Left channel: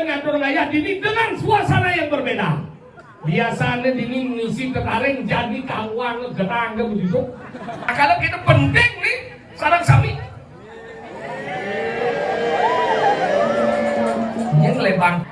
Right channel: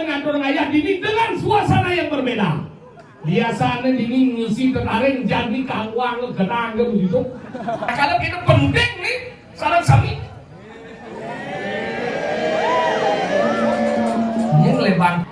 Ngatur ngayah dini dengan suasana yang berbeda. Biasanya dini ngisi tertarik jadi kawang gerang begitu. Kalau kita penting nih saran sami. Yang lebar.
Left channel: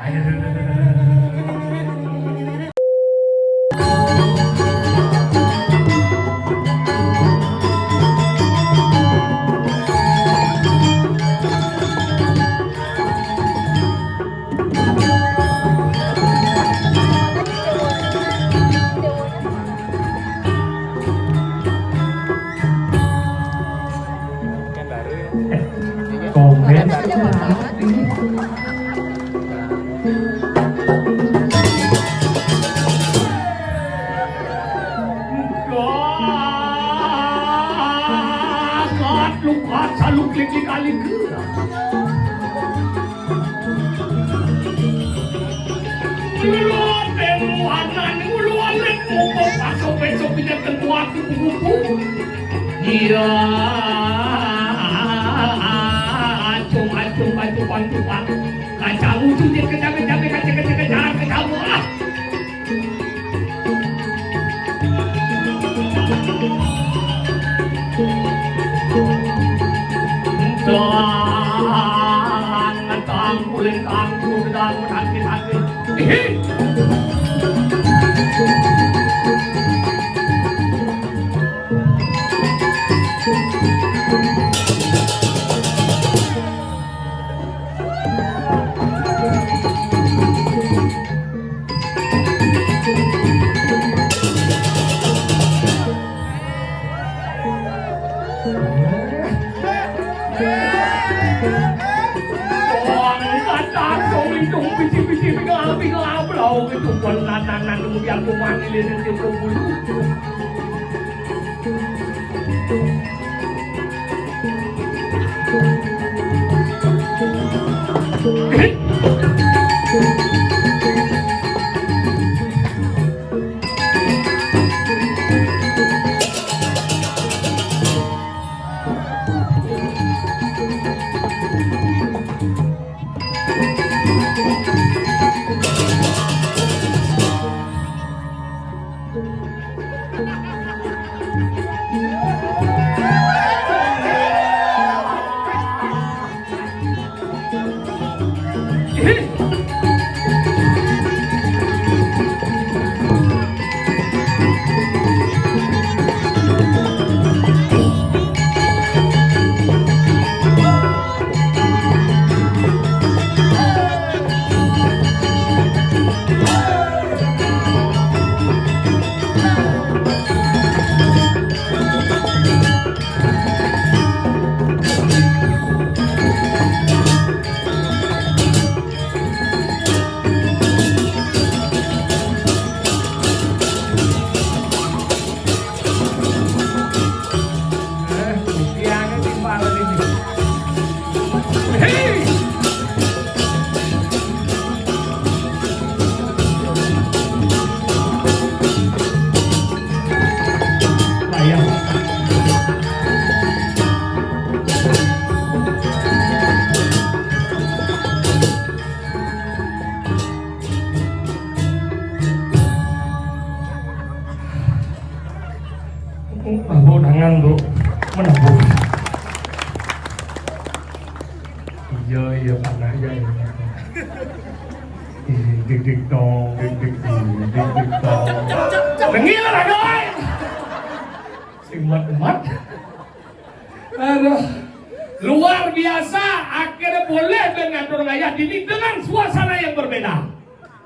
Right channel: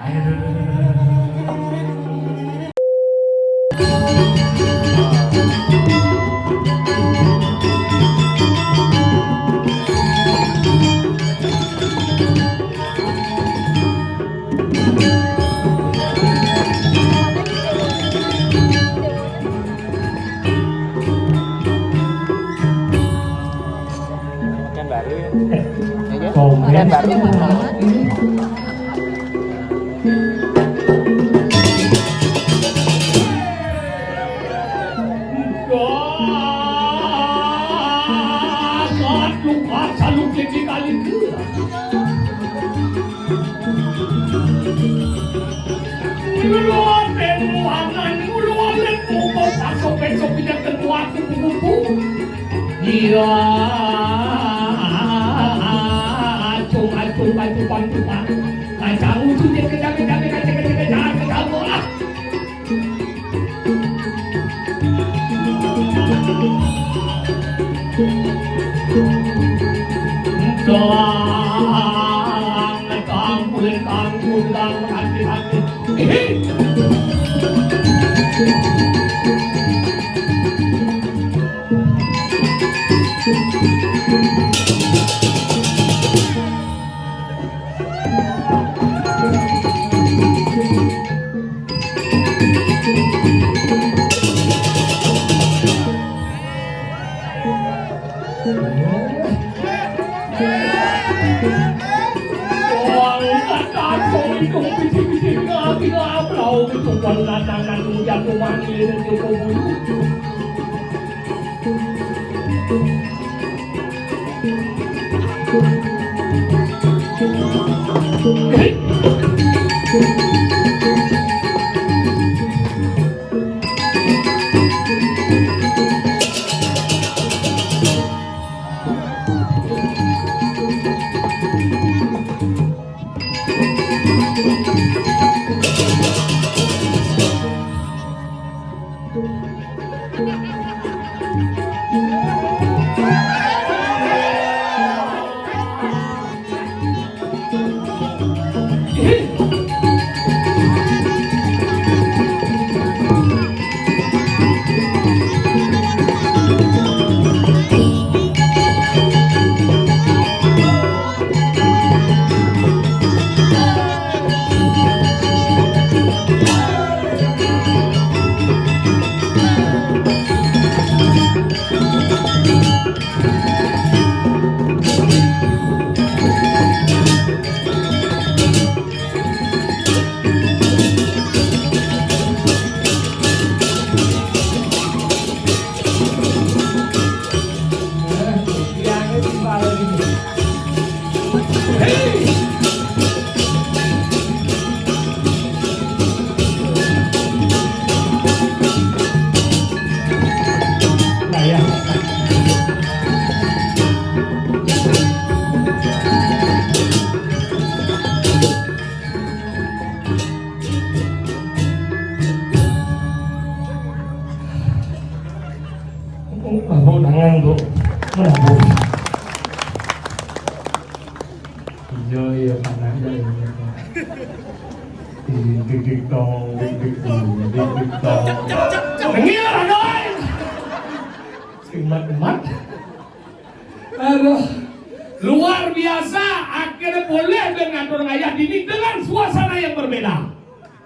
Luar biasa, akhirnya boleh mengatur ngayah dini dengan suasana yang berbeda.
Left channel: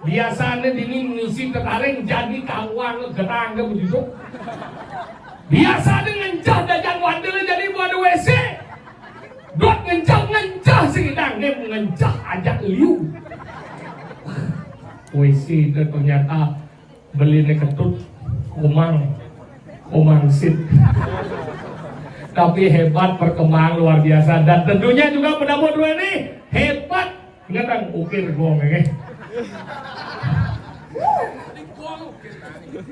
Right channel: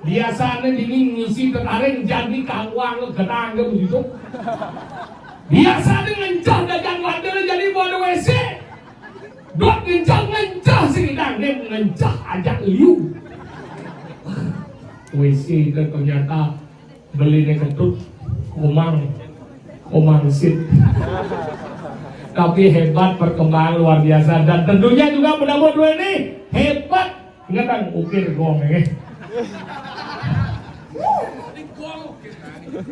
Biasanya dini ngisi tertarik jadi kawang gerang begitu. Biasa ngencah dagang wadel jadi buat WC. Dok ngencah sekitar dia ngencah ajak liu. WC itu ternyata beli ketut komang sit. Tapi hebat, perkembangan luar biasa, dan tentunya juga pendamping dua ini hebat. Ingat kan ukir gong ya.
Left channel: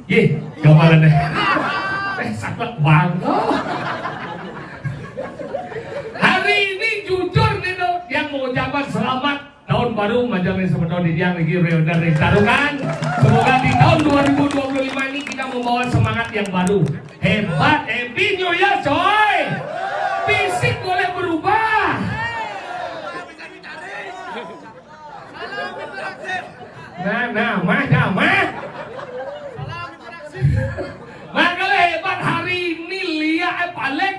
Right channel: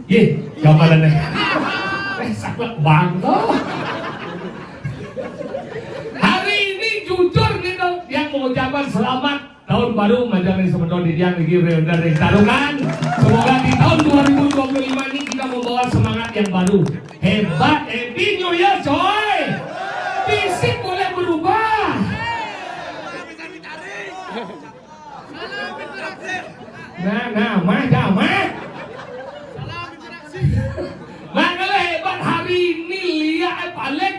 Ye, gambaran deh. Sangat bangga. Hari ini jujur nih bener nih taruhan. Semoga di tahun 2025 ini kita membawa semangat yang baru. Hebat, happy new year coy. Fisik boleh berubah. Nah, mah. Makanya hebat hari ini lihat Alek.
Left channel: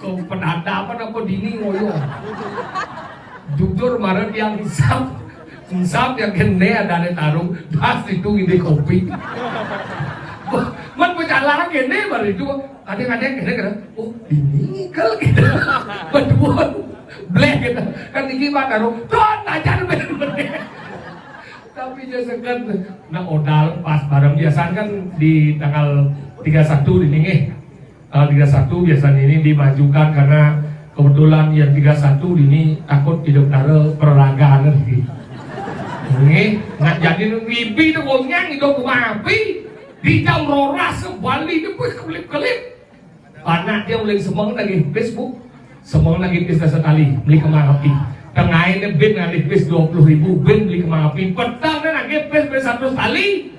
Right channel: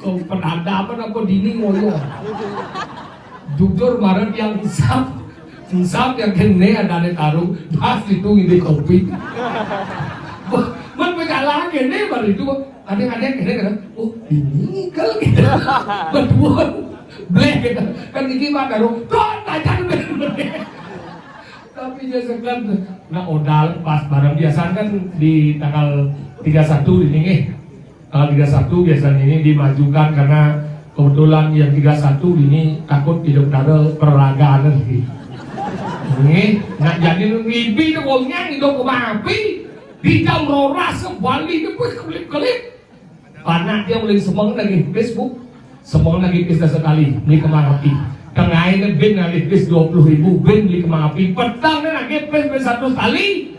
Kau penadapan apa dini ngoyo. Jujur kemarin yang insap yang kene ada taruh, pas itu ide kopi. Man berjalan kene baru itu ada kene oh ini kalau kita berdua blek kita kan tinggi banget taruh, tuh tajan bener. Tapi jasa kan, nah odal pas barang biasa kan di tanggal 31 ini tanggal 31 biasanya ini dimajukan karena kebetulan yang 31 ini takut hidup nara perlagaan lagi. Ini nak jadi ngibi tu gonyang hidup kumapi di jam roras sebalik tu kelip. Anak dia mulai semang lagi Facebook, semang lagi pesta sekali beli kemanapi. Tengah ini bin nanti pes 20.000 bin beli kemanapi. Petang ni nak pes satu kali.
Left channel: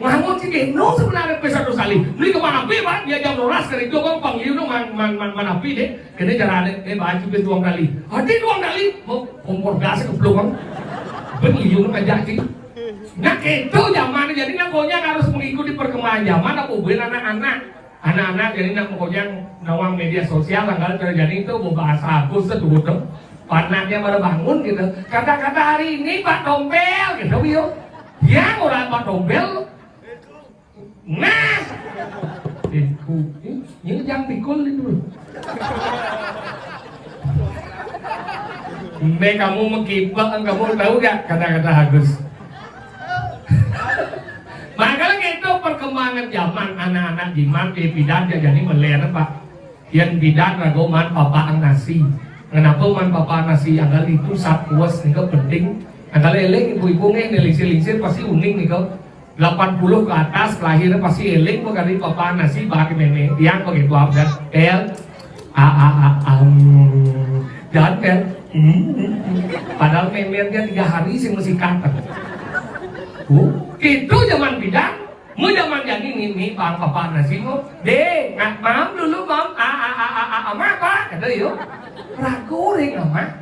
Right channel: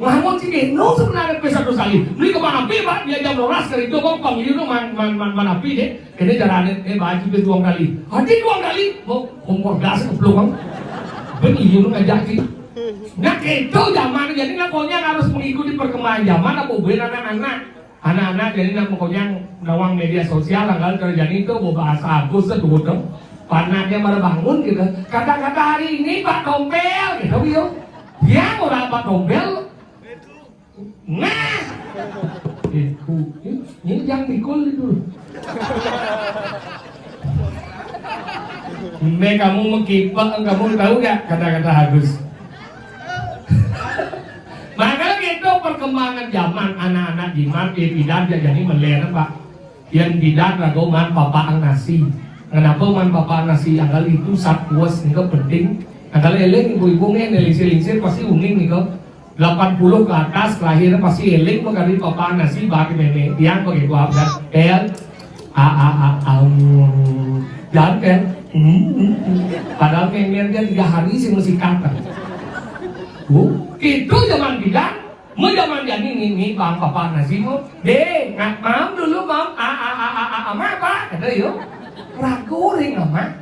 Mahmud sih no sebenarnya pes satu kali beli kemana pi pak dia jam roras kali itu bang panggil tu mana pi deh kena cara baju pes 2 kali hati 2 kali mau kompor gas ke belum bang beli ngajak sih nah itu zaman jadi nak pokoknya harus mengikuti perkembangan zaman apa bela anak-anak jadi nak pokoknya nawang media sosial tanggal terjadi itu bahasa Agus seduh tu panahnya baru bangun gitu kata-kata hari ini Pak Dompel gitu yuk ya orang Pak Dompel. Nah, ini jangan pikul itu. Kamu mengkipang, kamu tahu gak kata-kata Agus? Makanya itu perkembangan zaman anak-anak jimat di bidan dia jadi melera pak. Yang bidan ragu man papaan nasi. Kenapa man papaan nasi? Agal itu saat puas nih penting. Agal eleng ibu-ibu nih nelisir-lisir pasti uning nih kau. 80 ke atas lahir pasti eling mengenai papa nasi bagi meme yang pakai buah dan tel dan tel padahal meme dia 3 hari sih mesti kantor itu zaman bidan mau zaman yang ini bang papa nasi mau deh mau dulu mau apa kata yuk ragu ring apa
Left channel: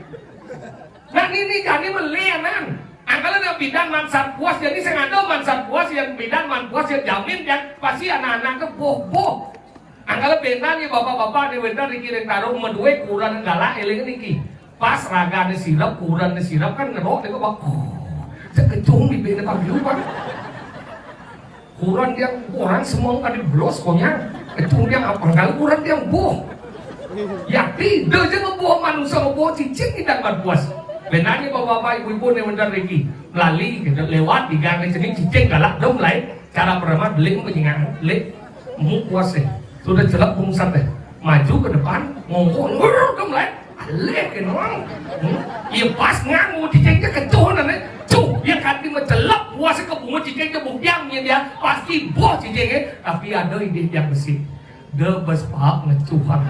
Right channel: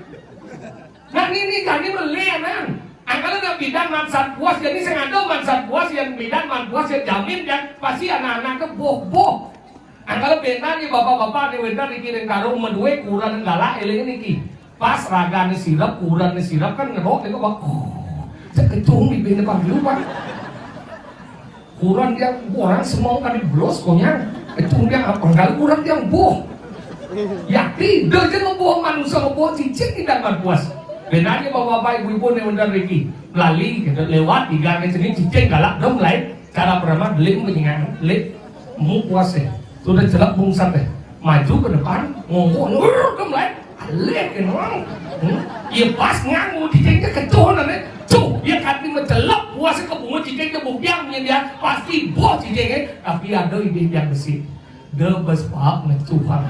nah ini jadi melihat kalau nak bidang mansat puas, jadi sengaja mansat puas yang bidang mansat puas yang jamin kan pasti anak-anak ke boh. Kalau benar ni bapak-bapak di benar dikirim taruh medue kurang galak eling niki. Pas raga sirap kurang sirap kan ngerok itu bak. Sekecung di benda panggil pak. Kurang yang orang semua kan diblos konya. Kecung yang apa? Kalau kurang yang boh. Yakti, dia jangan boh manusia boh cicing tidak mansat puas. Benarnya bapak-bapak ibu-ibu yang benar lagi melalui gitu, lewat di gang sini cicing galak dong lain cara pertama beli mengingat beli mu puas deh sudah celak bungsat deh maju ke depan ngomong dong lain alek kan orang ya pas ngamu cicingnya ketuhanan deh cuh dia kan mencelak puas ke bunga cicingnya bukyangnya dia pasti bos cicingnya tapi ada ide yang besi dia bespak ngecuhan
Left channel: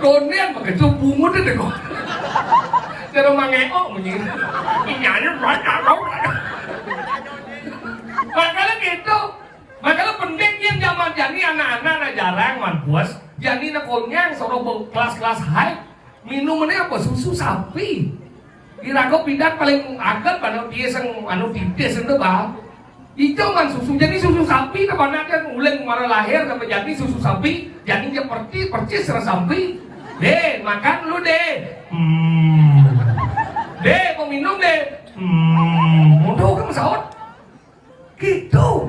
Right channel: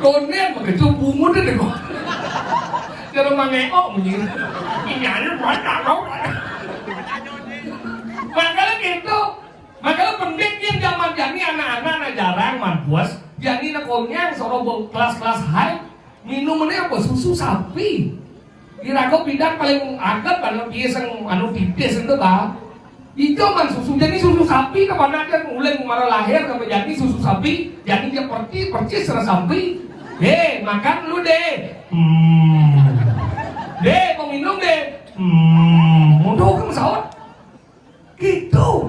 Konnya begitu bungut deh kok. Jadi mengekok begini. Inyanya mereka loh. Makanya gitu. Makanya penting yang zaman jadi anak-anak jarang manpuas. Jadi nakonyang seorang kelas-kelas high minumannya apa susu sapi. Kira-kira pindah paling agak pada biasa anu tipis itu bah. Itu kan susu jadi susu sapi kepada dia mulai kemana lahir sampai jadi susu sapi jadi dia percis serasa sapi makan lu deh mau minum deh mau ke pesawat gitu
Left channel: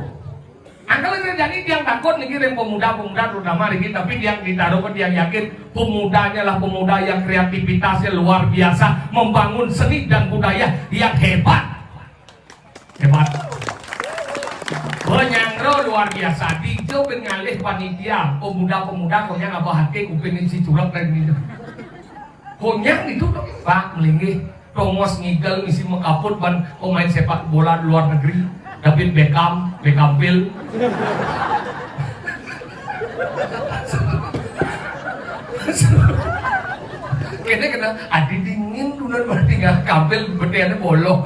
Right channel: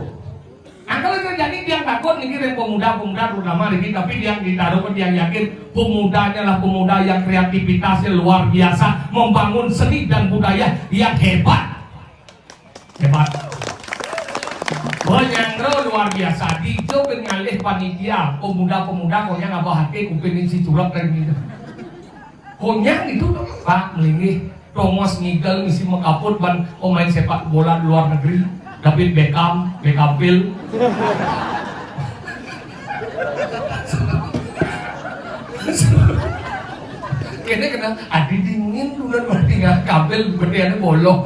kalau terjadi dia takut nih pemuda-pemuda terutama ini tapi yang ditaruh ke dia yakin pemudanya lah pemuda yang kreativitasnya luar biasa membangun seni dan budaya yang hebat Penyandro luar biasa di itu ngalih panitia pemuda-pemuda konya ngabahake kupingin si curap dan gitu konya itu pak melingih Tomos ngigel misi mengkaput ban pemain sepak bola di luar negeri David Beckham Kene kena adi dingin tunan berarti nggak kabel beneran bolong.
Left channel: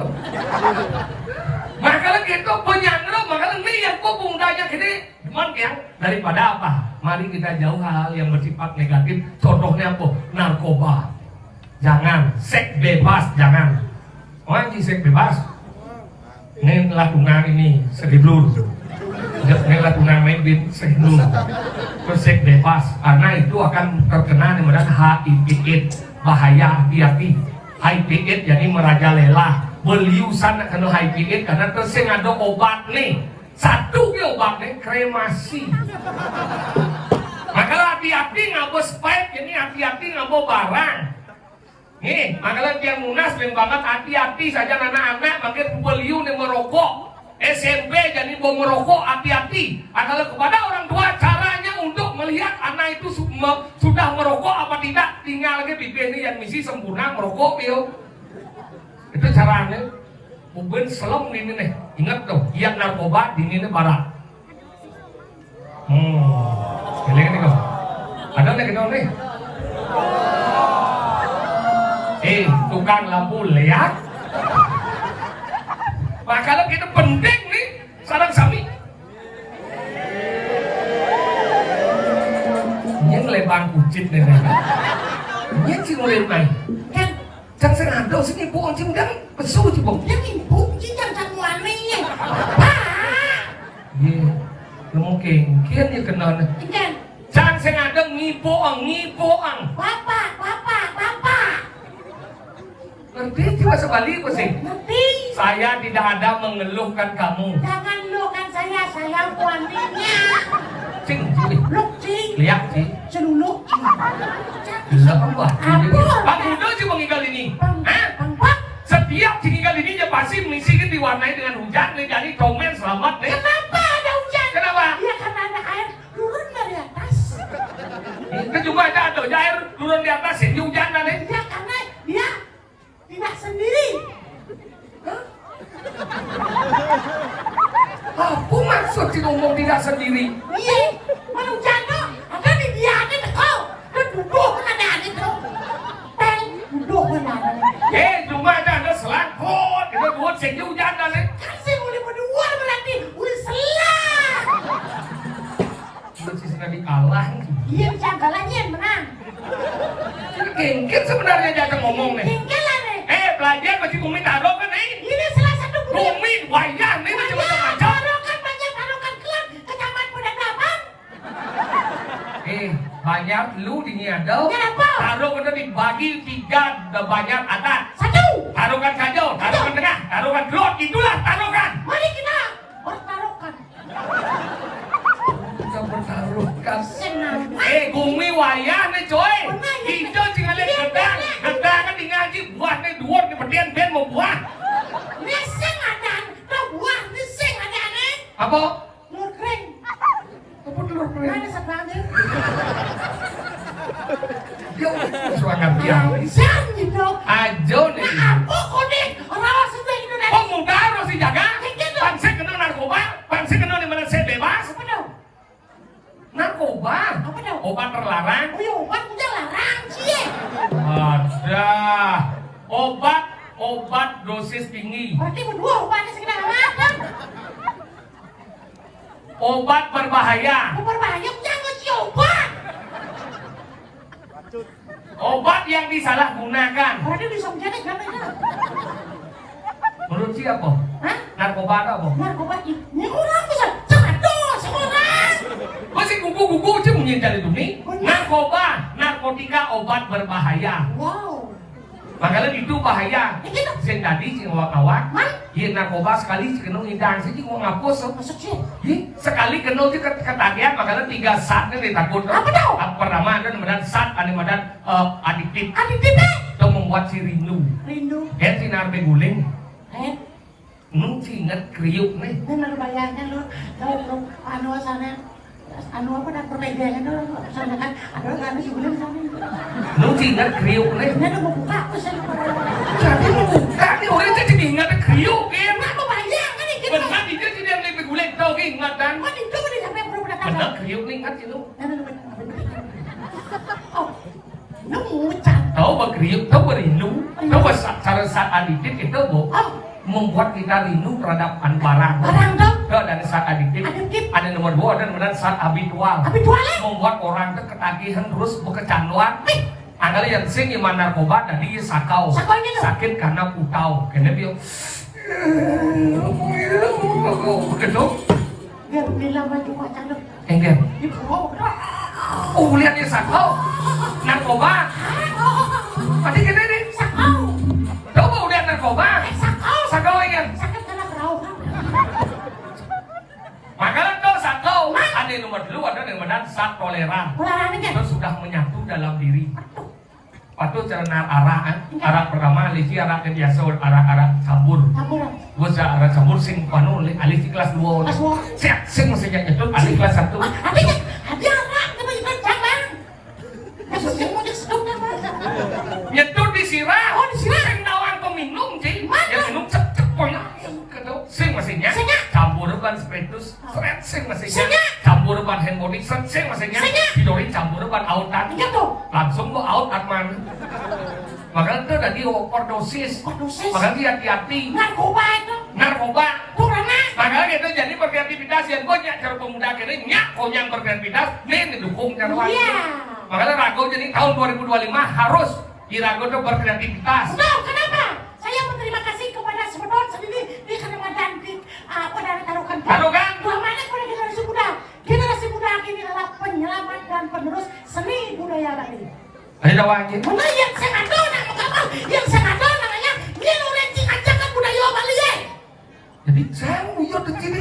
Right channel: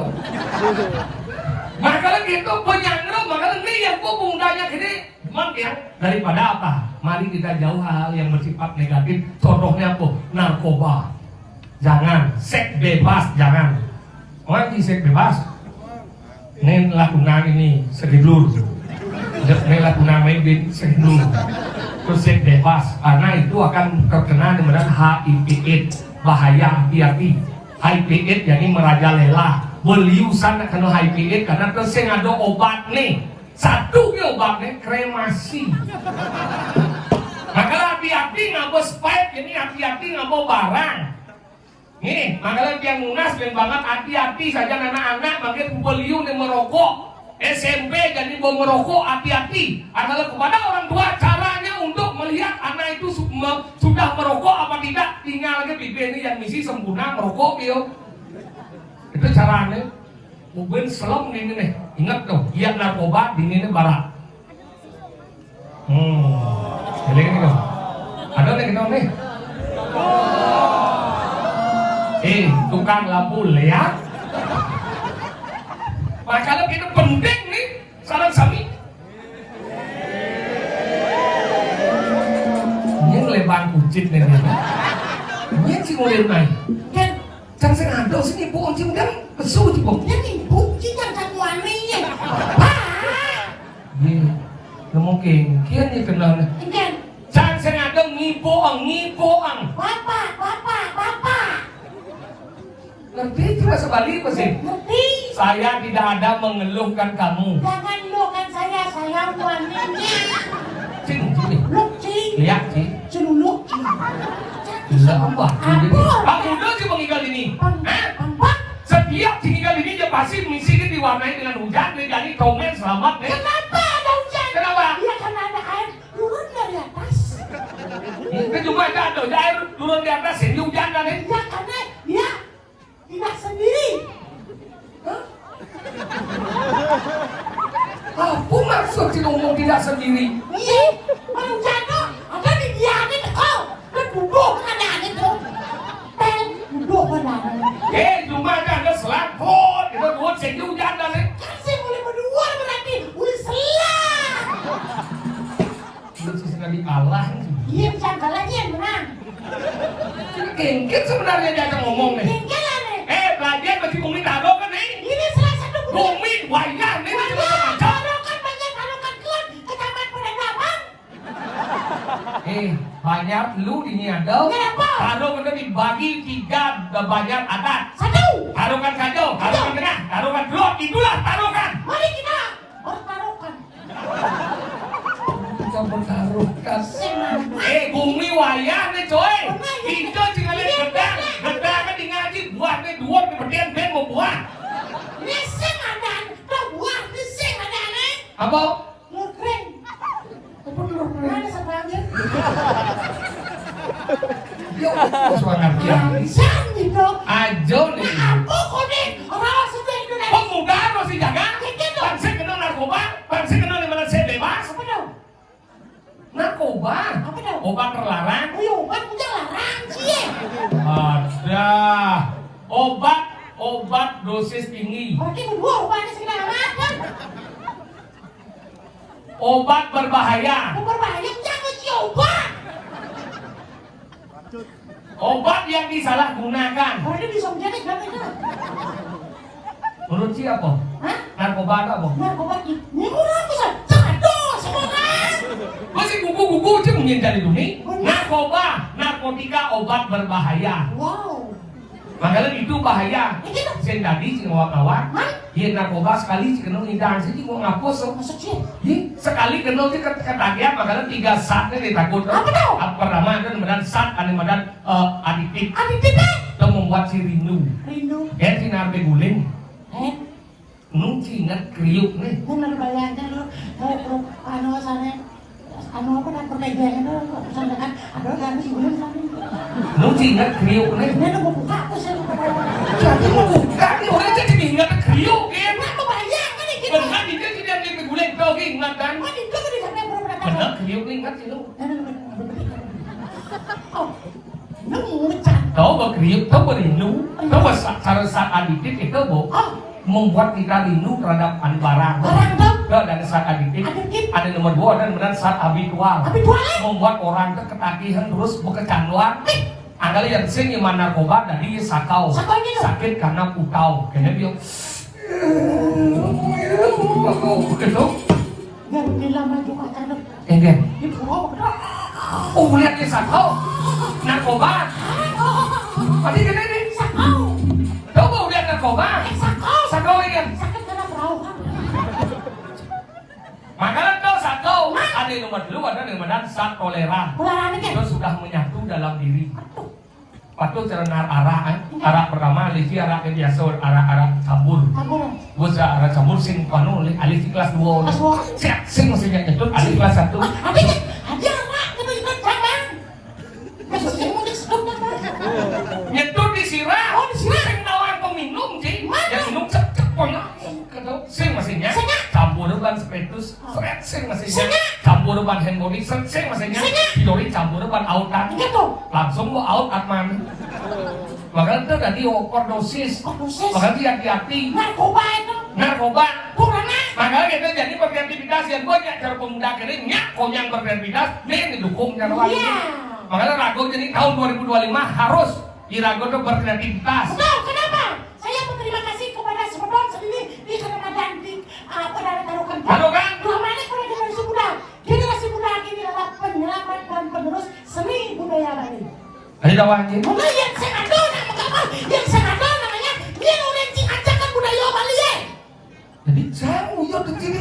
Makanya gitu penyangro, makanya nih yang gua bundanya gini, cuman yang daripada apa? Mari kita jauh hal yang bersifat negatif. Contohnya apa? Narkoba, jangan. Seks bebas, jangan. Orang di seks bebas, ini lakukan ini sedilur. Ini lakukan main sedilur. Terus seks bebas, karena itu akan terkena dengan HIV/AIDS, bahaya hati-hati. HIV/AIDS jadi merajalela. Beliusan kena HIV/AIDS karena tersing ada obat nih. Satu ke obatnya kremasi. Makanya hati-hati ngabo spike, ini hati-hati ngabo barang. Nih, makanya yang munas dan banget hati-hati saja anak-anak bagian beliu nih merokok. SMP jadi mau merokok, hati-hati. Adalah kepada orang tua caranya untuk melihat anak itu sudah merokok apa tidak. Tinggal lagi bikin ini yang misi sempurna merokok bio. Itu caranya. Mungkin selom ini nih. Ingat tuh, yang narkoba di ini barat. Ini gini kok. Ada nih kita nih. Tukang lampu lihat. Makanya kita penting nih saran sami. Ini ngelebang kucing nih. Ini sih mulai main. Kan jangan sengaja sini bu oncim dan pesu cipu. Jadi bu jangan satu anehnya. Iya, lu mungkin kian ya kenal. Kan Jangan sengaja ngipoang. bapak. Ngerti cuma sebalik apa sih? Ngerti? Saya tidak ada mengeluhkan kamu. Jangan lukan saya wanita. Cing, cing. Luk cing. Lihat cing. Celuluk cing. Gila apa? Apa? Bang Udo sih mengingat ini. Apa? Setiap tinggal ini dia pasti misi diwarnai dengan hujan nih, jadi komen selamat nih. Kenapa ada hujan? Kenapa? Ya karena ada air turun dari atas. Itu juga ada air turun di atas jadi hujanan nih. Ya karena dia tidak sendiri. Apa maksud sih ngomong tidak sendiri? Iya, mau jatuh, ada di dia ada kau, duduk ada itu, duduk ada. Cuma ada selangkut, kita buat jadi hujanan nih. Kasih boleh berdua berarti, boleh selang. Lu sih sekali kalah. Iya, jangan kalahnya yang menang. Gengket sebenarnya jangan ngomong nih. Tinggalan nih. Belajar bagi Bumi taruh kan nih. Ini salah satu Bumi wayang nih macam-macam. taruhkan banyak taruhkan keluar ke taman peradaban. Banyak lu diniadau. Kenapa? Taruh bener dibagi 3 banyak atas. Satu. Taruhkan kacau, taruhkan tengah, taruhkan keluar, itulah taruhkan. Mari kita taruhkan. Kita bertaruhkan. Senang. Bumi wayang nih coy. Kita tinggal gedang kan ngaji buat nih dua nih berdian ben mau buat. Neseng ada, kau buat neseng ada nih. Apa? Lur kering. Apa dulu? Mana sepanjang? Yo, suara dia. Jangan gitu. Ajo nih. Aku kuning, orang sudah itu dah. Kok muda lo sih jaga? Bangsa kena narkoba, bangsa kena di mana saya bebas. Apa dong? Narkoba, Apa dong? obat terlarang. Oh iya, obat udah larang sih. Ada obat dosis tinggi, Berarti berdua obatnya sekitar apa? obat berbahaya, Berbahaya jangan si obat. obat yang disalahgunakan. Berarti bisa menjadi siapa itu? Menurut siapa? Hah? Narkoba atau apa? Narkoba ini orang bisa jatuh semua. Masih kuku aja mungkin dari dunia. Narkoba, narkotika, obat berbahaya. Wow. Makanya itu bahaya. Saya tadi si kawan, Hah? iya narkoba sekali kena ngidang sih mau ngapus. Maksud sih? Sekali kena sih ketagihan makanya 3 saat nih ditakut. Apa tau? Pertama dan kemudian saat kemudian adiktif. Adiktifnya? Itu membuat si rindu. Rindu. Ya si nabe guling. Nu ingat kriuk nih. Bener bayangnya lu, kalau anu sana, anu apa dan permejangan itu sana kan, ada kan si bulan sana. Ingat kriuk nih. Ini ada buka apa sih? Jadi tadi orang jadi ingat kriuk kan. Aku bayangkan nih gitu. Benar dia tidak nabe guling tahu ingat dan. Oh itu udah sampai berapa Benar kriuk nih ingat itu. Oh, nemu mencang. Tahu berkriuk, tahu berindu, tahu cara saat adidik itu bu membuat kita rindu terhadap barang. Barang tuh. Tahu dan saat adidik. Ada nomor 2 dan benar saat habitual. Membuat orang itu ketagihan terus berkecanduan. Ada yang sing yang narkoba dari sakau. Sakit karena utau. Kena dia. Begitu. Gak bilang baju anak. Enggak. Ibu. Oh lihat dia sakau. Narkoba. Tadi kena ini. Sakau. Tahu mau lihat narkoba? Sakau ingat. Sakit karena perahu. Maka itu sakau. Ada nomor 2 ada nomor 4 saat kolera. Itu sudah menyatu dalam diri. Patuh cerna arah pertama lagi arah kebiasa arah cabur. Gua arah cabur sing panu alih di kelas 2 oleh. Siap sing mesti nyetut alih kelas 1. Ada anak tapi jangan. Nyetut disirah. Oh disirah. Sing nawang peminum sih. Yang minum cep poin. Sing mestinya campur ban spiritus, sing mestinya campur ban handphone, sing mestinya hidori campur ban autan. Langsung gua out atman. Maka itu tadi overdosis. Maka hati-hati. Narkoba. Maka itu jadi berkreativitas yang banyak cara pemuda kini nyak kau yang berkreativitas nih didukung cara lain. Maka Rago jadi tahun 2025 harus Rago itu berkreativitas. Kenapa? Saya berterima kasih kepada sebetulnya sendiri di Kalimantan di taruhkan. Selama ini generasi muda ini adalah penyelamat dan penerus seni budaya lain. Ayo jawab aja. Mulai yang senador namanya Nilurenti Ancaman Budaya Bali. Jadi saya nguyur di sini.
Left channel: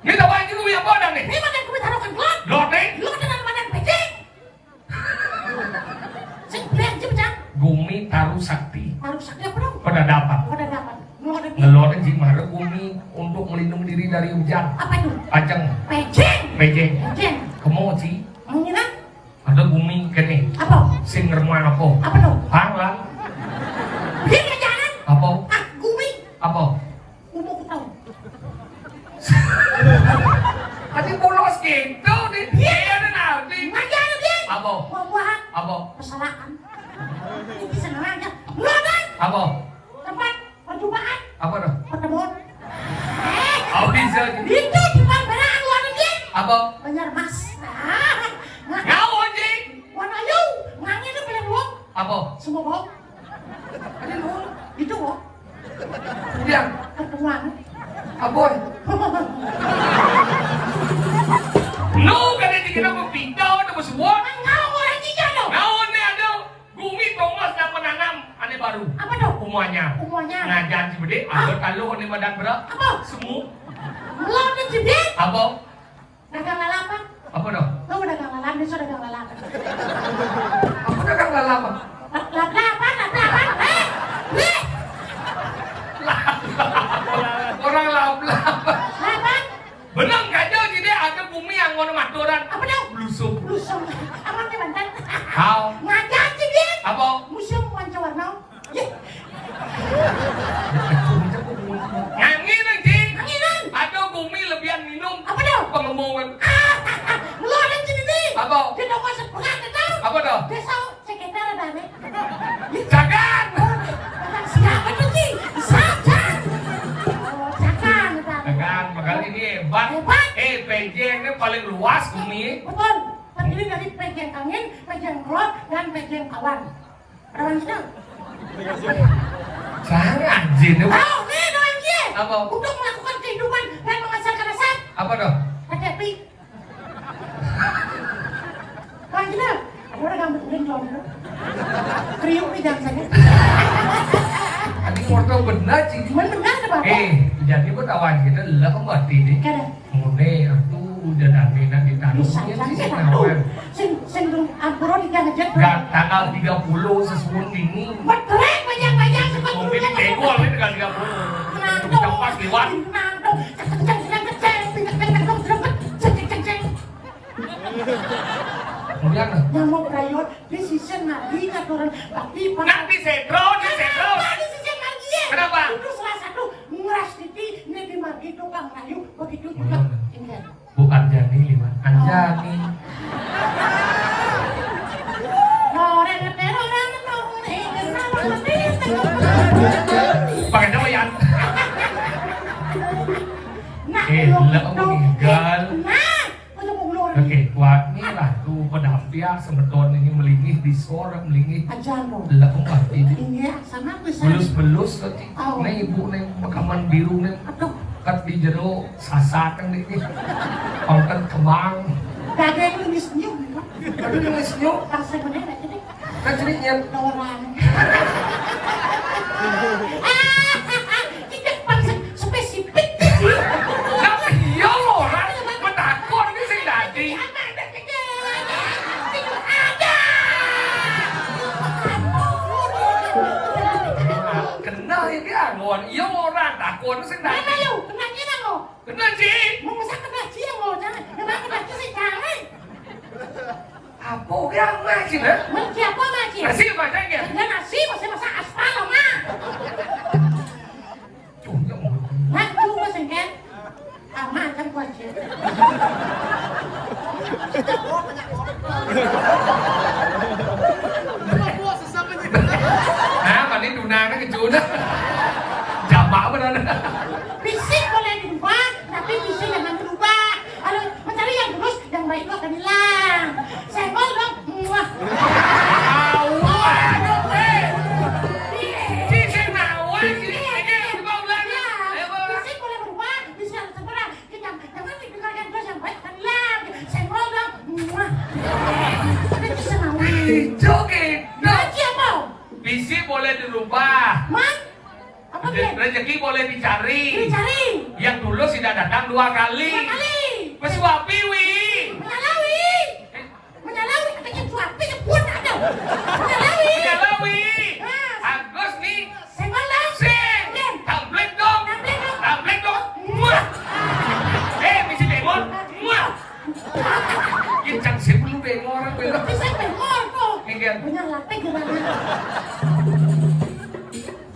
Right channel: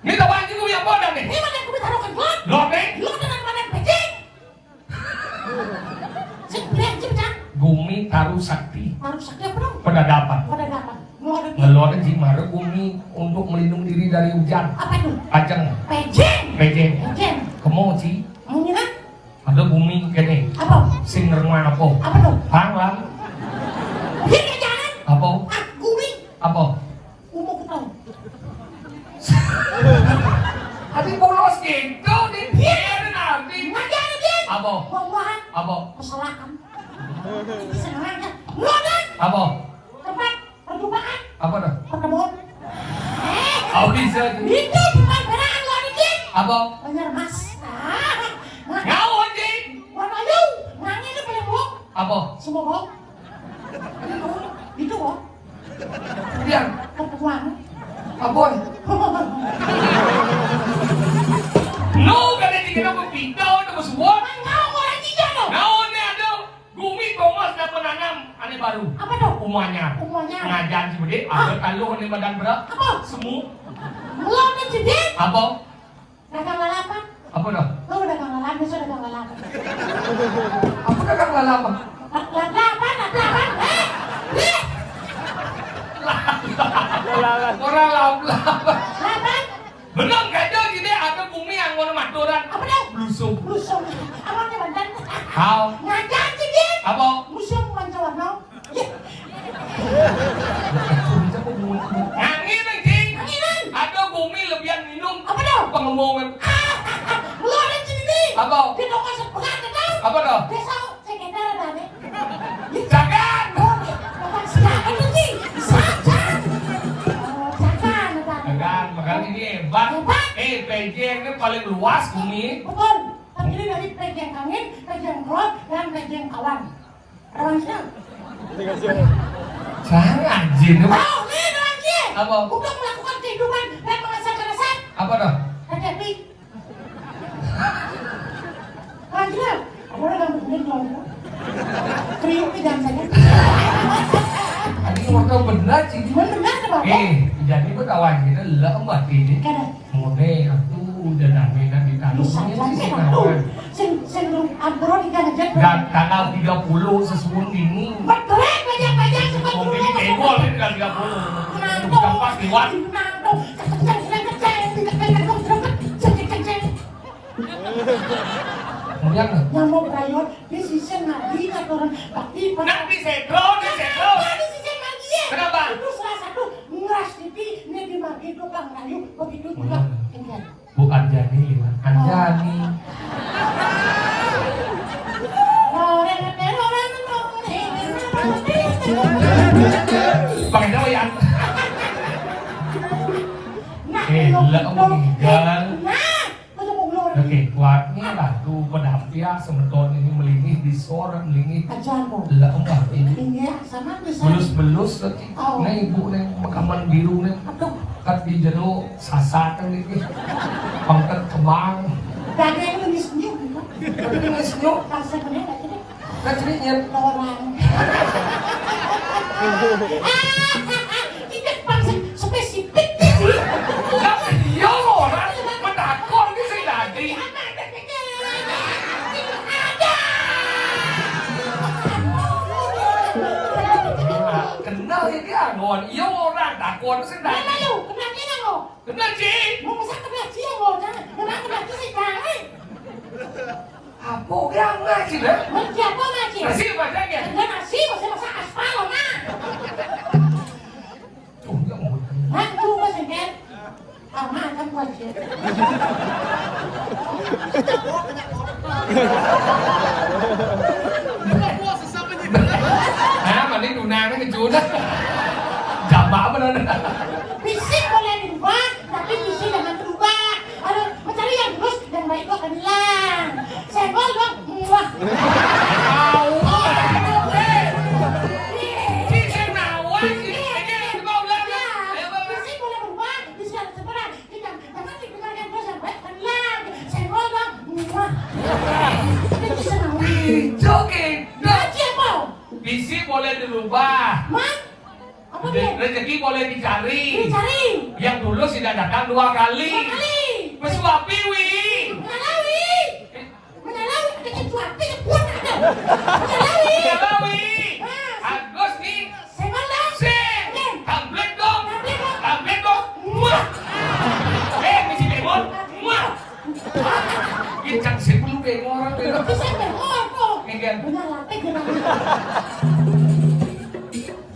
Ini jawab aja gue yang bodang nih. Ini mana gue taruhkan gua? Lote. Lu dengan mana pecing? Sing brek cepet. Gumi taruh sakti. Taruh sakti apa dong? Pada dapat. Ngelor jimara gumi untuk melindungi diri dari hujan. Apa itu? Ajeng. Pejeng. Kemoci. Mengira? Ada gumi kene. Apa? Sing remah apa? Apa tuh? Panglang. Ini jangan. Apa? Gumi. Apa? Umum tahu. Hati polos gitu nih. Iya nanti. Ngajar lagi. Apa? Buah-buahan. Apa? Kesalahan. Bisa ngelanggar. Ngelodan. Apa? Tempat perjumpaan. Apa dah? Pertemuan. Oh bisa. Itu bukan barang luar negeri. Apa? Bener mas. Ngau anjing. Warna ayu. Ngangin itu boleh bohong. Apa? Semua bohong. Itu bohong. Dia. Pertemuan. Apa? No, kada dikira mo pindaw na semua. Engkau orang cincang dong. Naon na ada gumi pomos na penanam ane baru. Apa dong? Umanya. Ngajan si bede, ada kalau ane badan berak. Apa? Semu. Lo udah jedek. Apa? Dagang lalapan. Apa dah? Lo udah dagang lalapan, besok dagang lalapan. Apa dah kang lalapan? Lalapan. Orang lalapan. Lalapan. Benar kaya jadi ada bumi yang mau maturan. Apa dong? Blusuk. Lusung. Apa nih bantan? How? Ngajar jedek. Apa? Museum Wancawarno. Angin anjing. Anginan. Ada bumi lebihan minum. Apa dong? Pengemongan. Lo ada sini. Apa? Kita mau sepekan tahu. Apa dah? Besok sekitar ada nih. Jangan. Siapa tuh sih? Sajan. Jangan, bakal ini hebat. PJ ini paling luas bumi. Betul. Terdiri dari pejeng angin, pejeng gelap, dan pejeng awan. Rawansnya. Jangan, Jin. Oh, ini rawansnya. Apa? Untuk melakukan kehidupan dan mengasahkan rasa. Apa dah? Happy. Rawansnya. Orang yang begini dong. Kriuk tidak saja. Ini orang benar sih. Benar Pak. Jadi gua tahu aja kita lah mbak ini. Kada. Mune aku udah dami dan ditaruh sih nawan. Sing ampuro diganjat. Tanggal 30 sesuun ini. Bertrek banyak-banyak cepat. Mobil di tebol ini tanggal 30. Kita pas lewat. Kemudian Namo prayon di sisen mati katuran bakti nanti setro. Kenapa? Itu salah satu nguras titi ini di mati tukang kayu begitu juga. Bu Anjani lima. Anjani. Lah meninggal. Nah, udah ngobrol. Oke, kuat nih lah tuh penampian semeton ini melingih di suara melingih. Ajar lo. Lah enggak ini. Ini sama bisa. Belus-belus tadi. Nih ibu nih makaman biru nih. Aduh, Kat di jero sasakan nih. Pangkat kembang. kagak yang lebih senyum. Tapi nggak senyum. Pas saya bener aja deh. Kan ceritanya. Orang. Tidak bangsa spesifik. Tapi iya orang menakut ini sih tadi. Kenal ini agon. Iya orang takut sih tadi. Kenal sih. Apa yang makin ya? Masih bacanya. Mà đi đủ nàng nó cái chú đó. Chạm bão bên đó. Fisik boleh dirubah, tapi visi jangan berubah. Kalau mencari yang lurus, yang baik itu akan hilang. Senggol dong, muah. Fisik boleh berubah, visi harus sempurna. Jangan didengarkan terus yang baik akan hilang. Senggol dong, muah. Itu senang. Joget. Nanti apa? Visi boleh dirubah. Man? Apa dia? Rezeki boleh dicari. Dicari. Yang dulu sudah datang 2 kali. 2 kali. Pesuapi wi. Menyalawi. Menyalawi. Ada sesuatu yang buat ada. Menyalawi. Menyalawi. Agus nih. Senggol dong. Sing. Tablet dong. Tablet dong. Tablet dong. Muah. Misi demon. Muah. Kita sebelum demo orang belum. Bisa bengkol kok. Iya. Benar lapik gimana?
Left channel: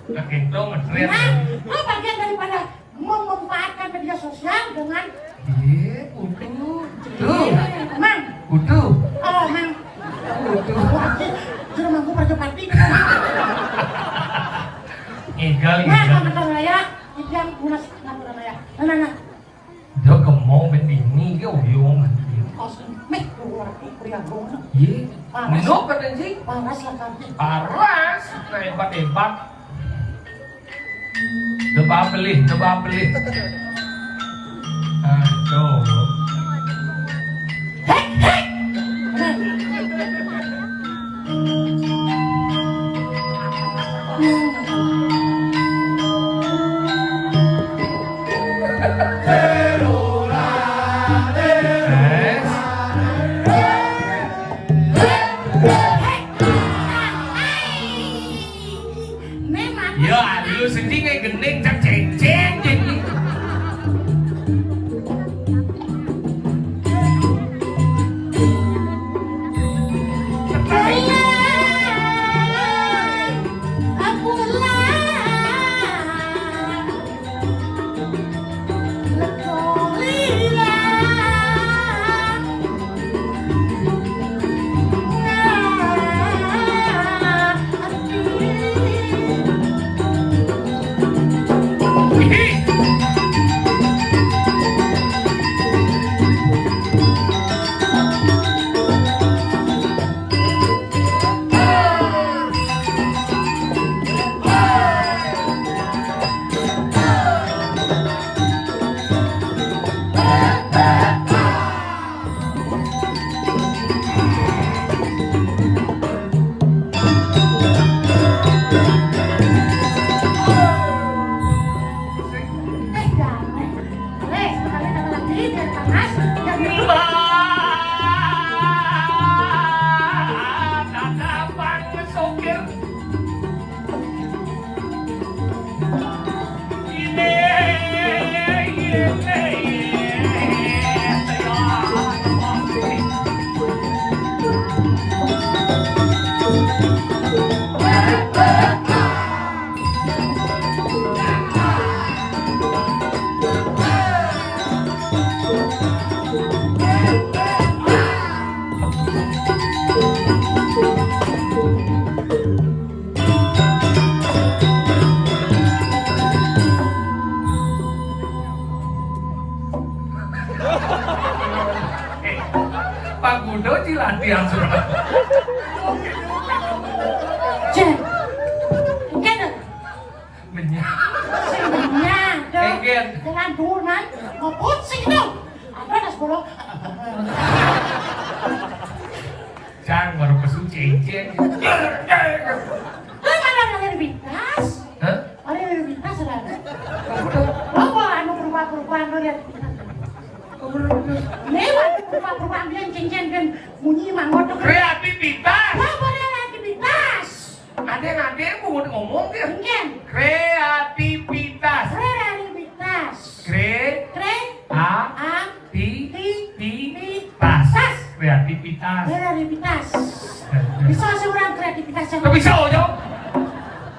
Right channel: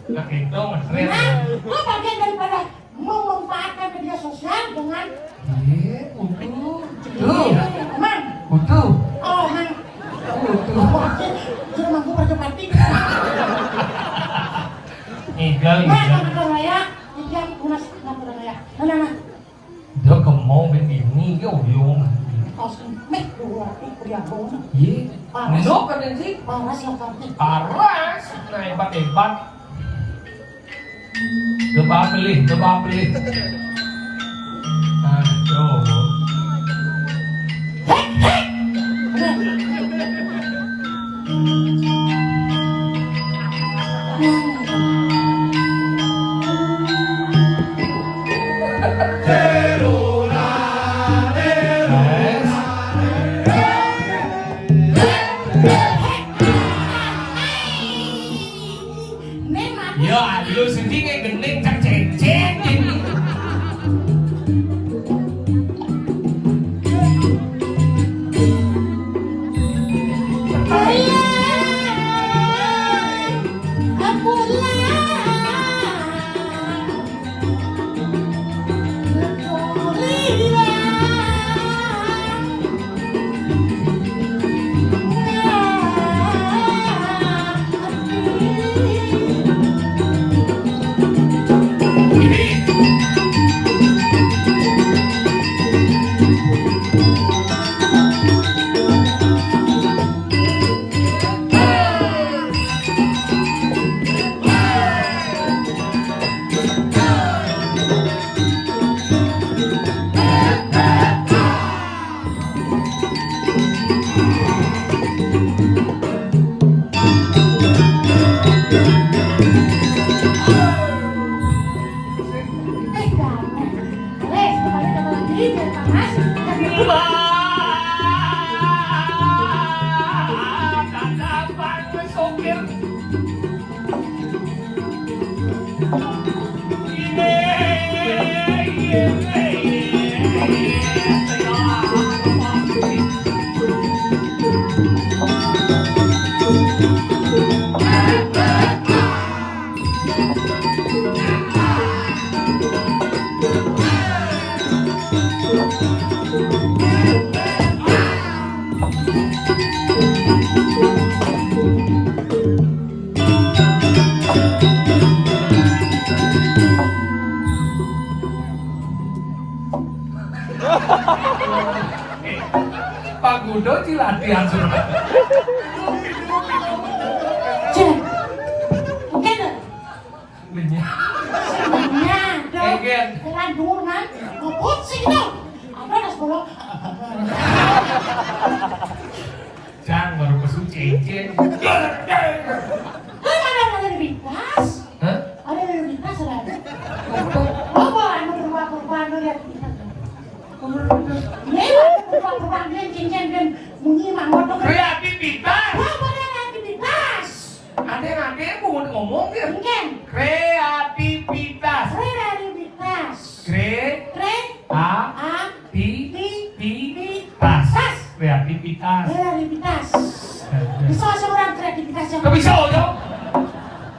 Nah itu ngetrend. Nah, lo bagian daripada memanfaatkan media sosial dengan Iya, butuh. teman. Butuh. Oh, man. Butuh. Di rumahku berjepati. Igal. Nah, teman-teman raya, yang punya ngaturan raya. Nah. Dia gemong begini, dia uyung. Kosong, mek keluar, kuliah dong. Iya. Minum kan sih? Panas lah kamu. Paras, hebat-hebat. Coba beli. Aduh. Memang. Ya, lu sendiri kayak gending tak cecek jadi. Iya, dong. Engget. Jalan dulu kan. Ngeput sih gitu. Apa ada sepuluh? Cang baru kesucen. Kan ada lintas. Hah? Ada lintas lah. Oh, anu berubah-ubah anu lihat. Lewat berubah-ubah dia cincin dan bunyi mah motor. Kreativitas. Apa ada aktivitas? Ada mau ngomong kan? Mungkin. Kreativitas. Kreativitas. Kre Kre. A A. Ti Ti. Tas. Tas. Kreativitas. Kreativitas. Bisa seorang kreativitas yang Tapi bisa yo.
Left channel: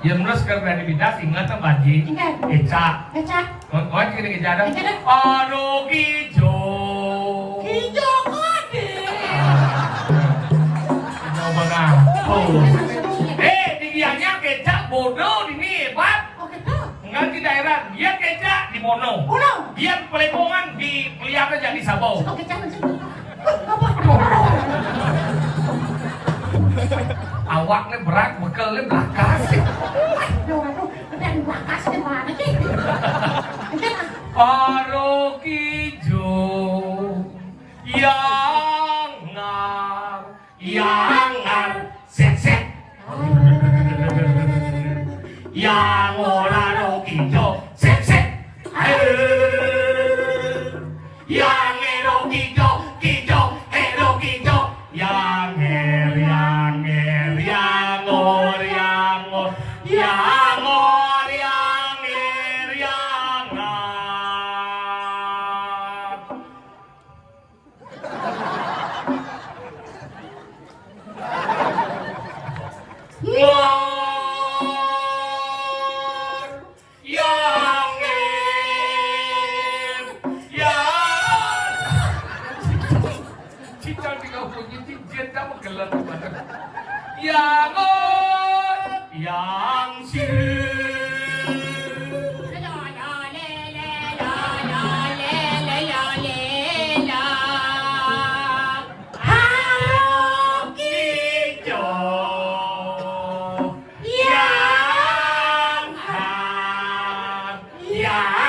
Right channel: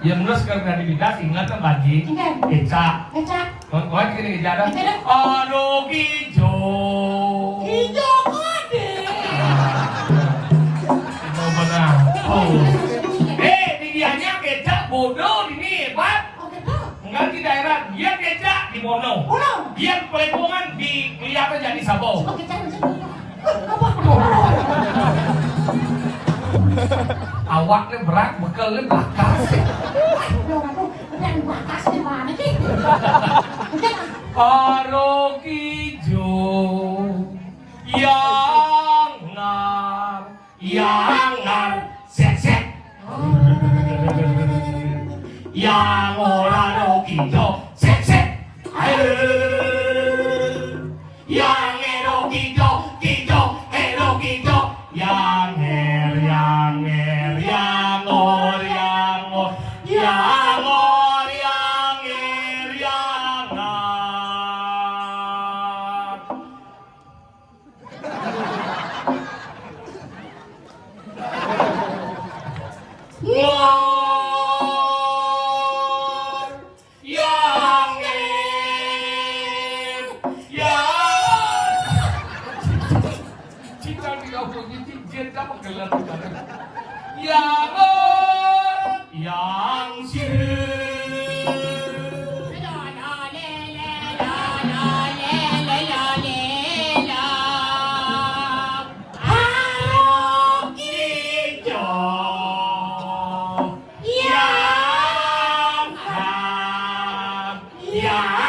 Ya menurut kreativitas ingat bagi Ingat. Eca. Kecak. Kau kini kejaran. Kejaran. Aduh kijo. Hijau kode. Didianya kecap bodoh ini hebat. Oh gitu. Enggak di daerah, dia kecap di Mono. Mono. Dia pelepongan di pelihara jadi Sabau. Oh kecak macam. Awaknya berat, bekalnya belakang. Waduh, ada bakas di mana sih? Paro kijo yangar, sek. Yang ora kijo, sek. Yang ero kijo, ero kijo. Yang er, yang or, yang er, yang ar. Ngor, yang er, yang Cita tiga bunyi cinta menggelar yang or, yang sir. Yang